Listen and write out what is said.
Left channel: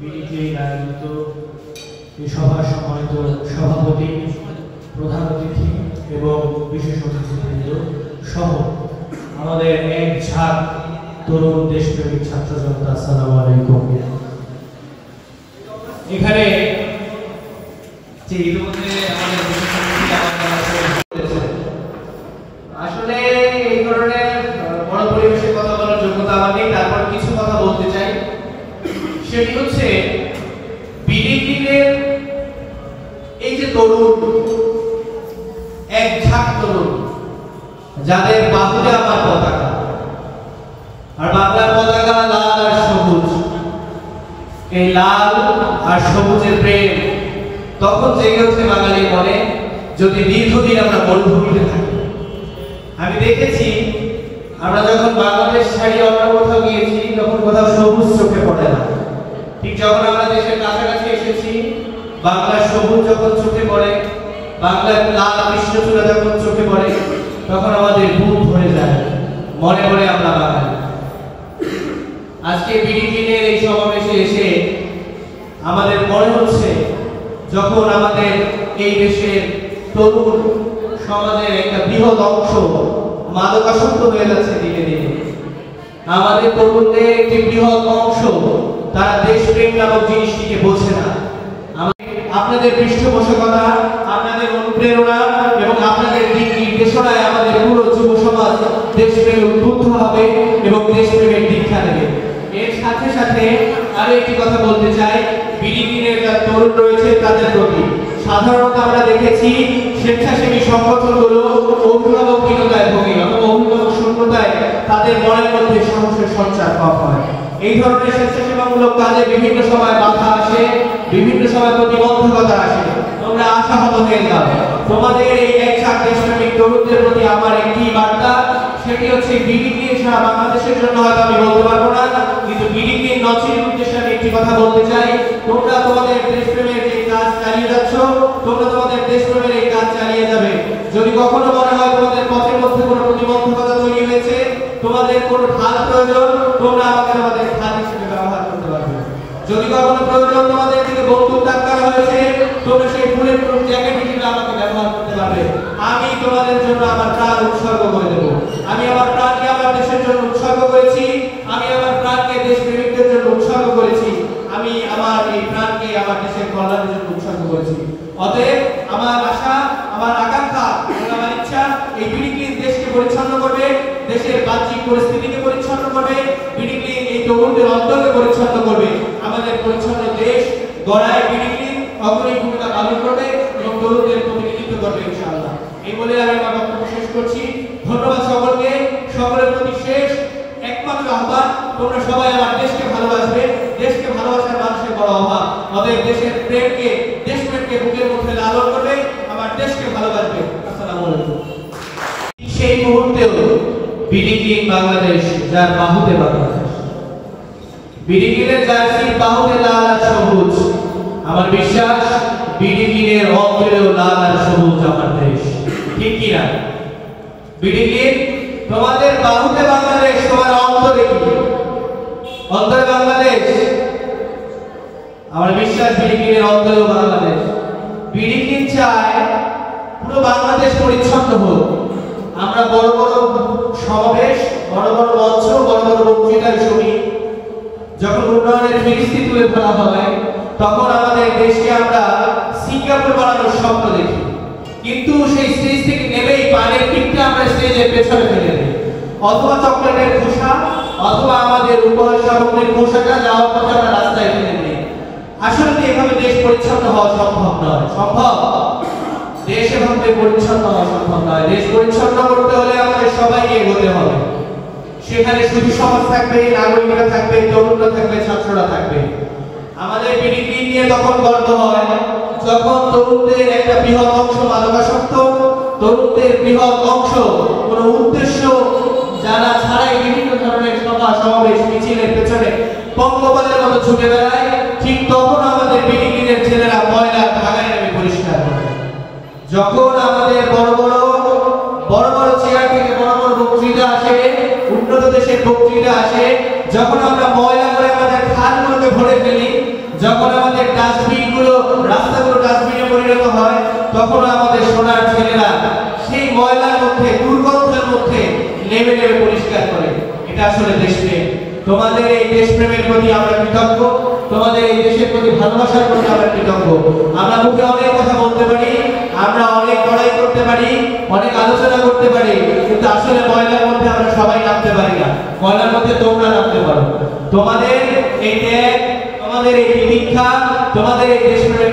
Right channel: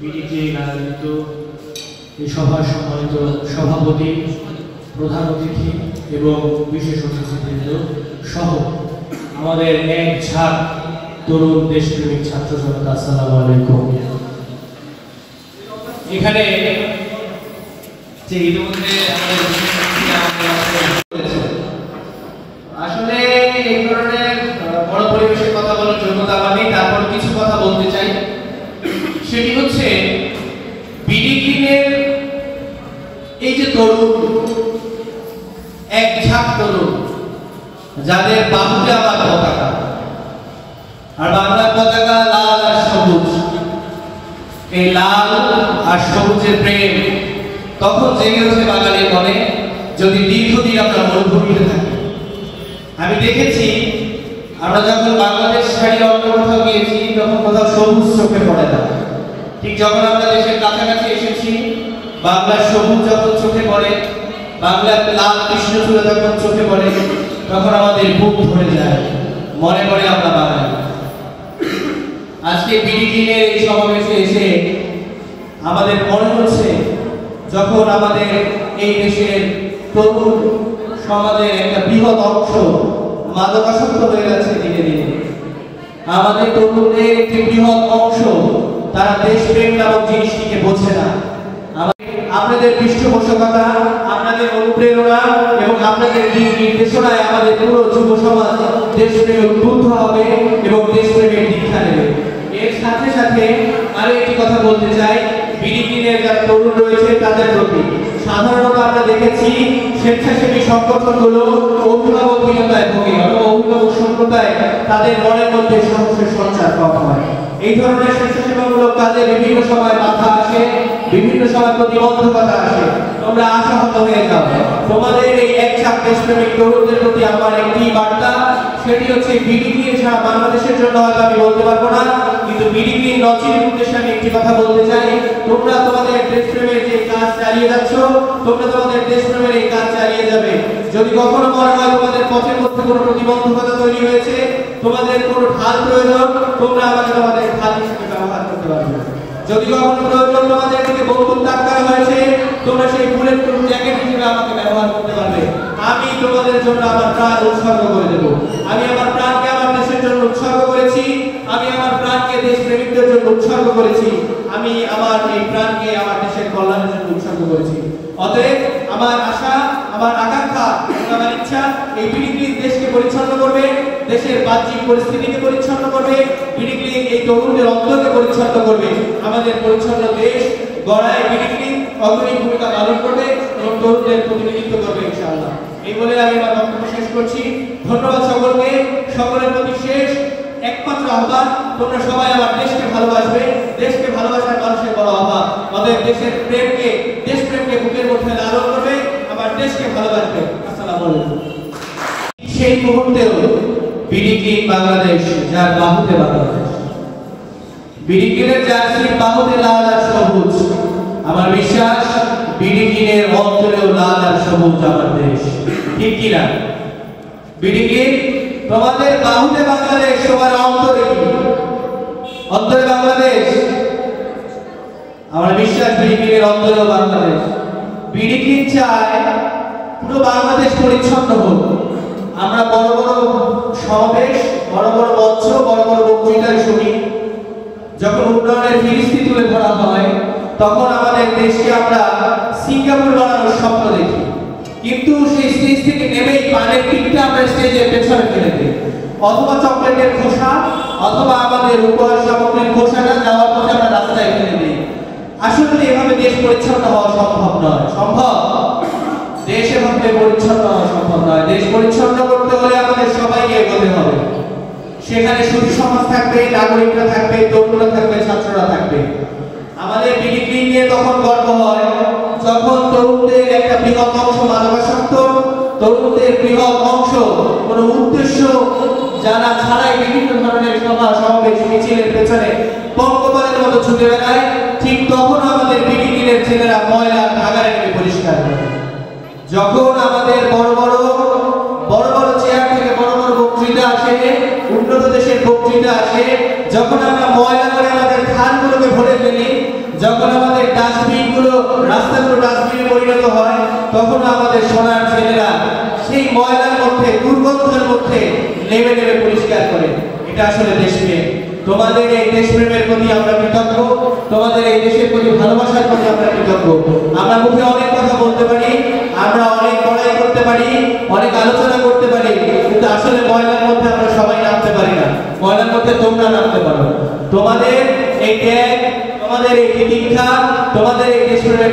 BDT আয়োজিত এই সভার সম্মানিত সভাপতি, প্রধান অতিথি এবং বিশেষ অতিথিবৃন্দ সহ আমাদের এক ঝাঁক তরুণ দেশপ্রেমিক ছাত্র জনতা, আসসালামু আলাইকুম। এখানে যে ইতিমধ্যে আসলে এই ধরনের বড় পরিবেশের কথা বলার যোগ্যতা আমার নেই, তারপর কিছু কথা বলতে চাই। সেটি হচ্ছে বিডিটির এই যে তরুণ, এক ঝাঁক তরুণ যাদের বাহুতে আমার পতাকা, আর বাংলার পতাকা লাল আর সবুজ। এই লাল আর সবুজের প্রেম তখন জেগে ওঠে বাঙালির মনে যদি দীর্ঘদিন আমরা মরুভূমিতে থাকি। আমি দেখেছি আমরা যখন বাংলাদেশ ছাড়িয়ে অন্য কোথাও গিয়েছি তখন কোথাও সবুজ চোখে পড়ে না, ঠিক যখন আমরা দেশের কাছাকাছি এসেছি বাংলার সবুজ যখন চোখে পড়ে, বাংলার লাল কৃষ্ণচূড়া যখন চোখে পড়ে, তখন আমাদের বুক ভরে যায়, মনে মনে আমরা বাঙালি। আজকে বিডিটির এই সমাবেশে এসে আমাদের মনে হচ্ছে যখন আমাদের এই দেশের তরুণ সমাজের একটা বৃহৎ অংশ মাদকাসক্ত হয়ে যাচ্ছে দিনে দিনে, আমাদের তরুণদের একটি বৃহৎ অংশ তারা দেশপ্রেম নামক জিনিসটিকে বোঝে না। আপনাদের পৃষ্ঠপোষকতা, আপনাদের অনুপ্রেরণা এবং আপনাদের দিক নির্দেশনায় আমাদের পুরো যুব সমাজ দেশপ্রেমে উদ্বুদ্ধ হবে এবং দেশপ্রেমের দীক্ষা নেবে। এর সাথে সাথে আরো একটি কথা বলতে চাই, বিডিটির যারা তরুণ রয়েছে তাদের প্রতি সাধারণত আমরা দেখেছি স্বেচ্ছাসেবী সংগঠনগুলো অভিভাবকহীনতায় ভোগে অথবা অভিভাবক শূন্যতায় তাদের মনের মধ্যে সাহসের সঞ্চার কম হয়। এই ধরনের স্বেচ্ছাসেবামূলক কাজে বিভিন্ন সময় বাধা আসে, বিভিন্ন সময় প্রতিবন্ধকতা আসে। তোমরা আশাহত হয়ে যাও। তোমাদের এই একসাথে দেশপ্রেমিক তরুণদের প্রতি আমার একটি বার্তা, সেটি হচ্ছে বিডিটি ছাড়া বাংলাদেশের জন্য হয়তো আমি বলতে পারবো না, কিন্তু বিডিটির নচির উদ্দেশ্যে আমি একটি কথা বলতে চাই। তোমরা তোমাদের দেশপ্রেমের যে কাজ চালিয়ে যাচ্ছ, তোমরা তোমাদের দেশপ্রেমের এই কাজ চালিয়ে যাবে। যদি কখনো মনে হয় তোমাদের পথের মধ্যে কোনো প্রতিবন্ধকতা তৈরি হয়েছে, তোমাদের কোনো ঢাল প্রয়োজন, তোমরা আমাকে তোমাদের ঢাল হিসেবে ব্যবহার করতে পারবে। যদি কখনো প্রয়োজন তোমাদের দিকে বন্দুক তাক করা হয়েছে, তোমরা সেই বুলেট প্রুফ জ্যাকেট হিসেবে আমাকে ব্যবহার করতে পারবে। আমি তোমাদের জন্য আমার প্রাণ উৎসর্গ করে দেব। আমি আমার প্রাণকে আমার দেশের জন্য উৎসর্গ করেছি, আমি আমার প্রাণকে দেশপ্রেমিকদের জন্য উৎসর্গ করেছি, আমি আমার এই প্রাণকে আমার দেশের কল্যাণের জন্য উৎসর্গ করেছি। অতএব আমার আশা, আমার আকাঙ্ক্ষা, আমার ইচ্ছা এই বিডিটি দেশকে পরিচ্ছন্ন করবে, দেশের বাহ্যিক পরিস্থিতিকে পরিচ্ছন্ন করবে, বিডিটি এই তরুণদের অন্তরকে পরিচ্ছন্ন করবে। আমাদের পরিচ্ছন্ন দেশ গড়ায় বিডিটি অগ্রণী ভূমিকা পালন করবে এবং তরুণদের প্রতিনিধিত্ব করবে ইনশাআল্লাহ। এই বলে আমি আমার বক্তব্য শেষ করছি। ধন্যবাদ সকলকে। সকলের প্রতি শেষ একমাত্র আহ্বান, তোমরা সবাই আমার দেশকে ভালোবাসবে। দেশকে ভালোবাসার মানুষের বড় অভাব। আমাদের দেশের প্রেমকে, দেশপ্রেমকে বুকের মধ্যে লালন করবে, আমার দেশকে ভালোবাসবে। আসসালামু আলাইকুম। সেই মুহূর্তেও বিডিটি বাংলাদেশ, যার বাহুতে বাংলাদেশ, বিডিটির জার্সির বাহুতে লাল আর সবুজ। আমার বিশ্বাস বিডিটির অন্তরেও লাল আর সবুজ আমার দেশ, ঠিক কিনা? বিডিটি তোমাদের বাহুতে বাংলাদেশ, তোমার অন্তরে কি? অন্তরে বাংলাদেশ। আমার বিশ্বাস বিডিটির অন্তরেও বাংলাদেশ। বিডিটি চায় পুরো বাংলাদেশ পরিচ্ছন্ন হোক। আমরা বড় বড় সমাবেশ, বড় বড় মঞ্চ, বড় বড় বক্তৃতায় শুনি, যখন উন্নয়নের ফিরিস্তি তুলে ধরা হয় তখন আমাদের দেশকে আমরা সিঙ্গাপুর বানানোর স্বপ্ন দেখি, কিন্তু সেই স্টেজ থেকে নেমেই পানের টিপটা আমরা স্টেজের পেছনে ফেলে দিই, অথবা চকলেটের খোসা অথবা আমাদের উপহার সামগ্রীর খোসাটা যাওয়ার পথে আমরা রাস্তায় ফেলে দিই। আসলে এভাবে দেশ পরিচ্ছন্ন হওয়া সম্ভব নয়। সম্ভব? দেশ এভাবে পরিচ্ছন্ন হওয়া সম্ভব নয়। দেশ পরিচ্ছন্ন করতে হলে আমাদের সবাইকে এগোতে হবে। সেখানে শুধু সমাজ থাকবে, নাগরিকরা থাকবে, তরুণরা থাকবে, ছাত্ররা থাকবে। আমাদের বিডিটি নিয়ে তখন গর্ব হয় যখন তরুণদের একটা বৃহৎ অংশ মাদকাসক্ত, তরুণদের বৃহৎ অংশ কোনো উদ্দেশ্য জানা ছাড়াই বিভিন্ন ধরনের সভা সমাবেশ মিছিলের পেছনে পঙ্গপালের মতো ছুটে বেড়ায়। ঠিক তখন আমাদের বিডিটির ছেলেরা ময়লা ভাগাড়ে নেমে পরিষ্কার করে। যখন আমাদের বড় বড় চেয়ার থেকে বড় বড় বক্তৃতা আসে, উন্নত দেশের বক্তৃতা আসে, যখন আমরা ময়লা করে আমাদের খালগুলোকে ভরে ফেলি, যখন আমাদের ডাস্টবিন গুলো রাস্তাগুলো ডাস্টবিনে পরিণত হয়, তখন আমাদের সোনার ছেলেরা সেই ময়লার মধ্যে দুর্গন্ধের মধ্যে নেমে নেমে পরিষ্কার করে। এটা আসলে দেশপ্রেম। তোমাদের এই দেশপ্রেমের প্রতি আমরা কৃতজ্ঞ, তোমাদের এই দেশের প্রতি ভালোবাসার প্রতি আমরা কৃতজ্ঞ। আমরা মুখে অনেক কথা বলতে পারি, আমরা অনেক লড়াই করতে পারি, অনেক আলোচনা করতে পারি, কিন্তু আসলে ময়লার মধ্যে আমরা সবাই নামতে পারি না। ময়লার মধ্যে তোমরা নামতে পারো। তোমাদের এই ত্যাগ, তোমাদের এই প্রতীক্ষা, তোমাদের এই দেশপ্রেমের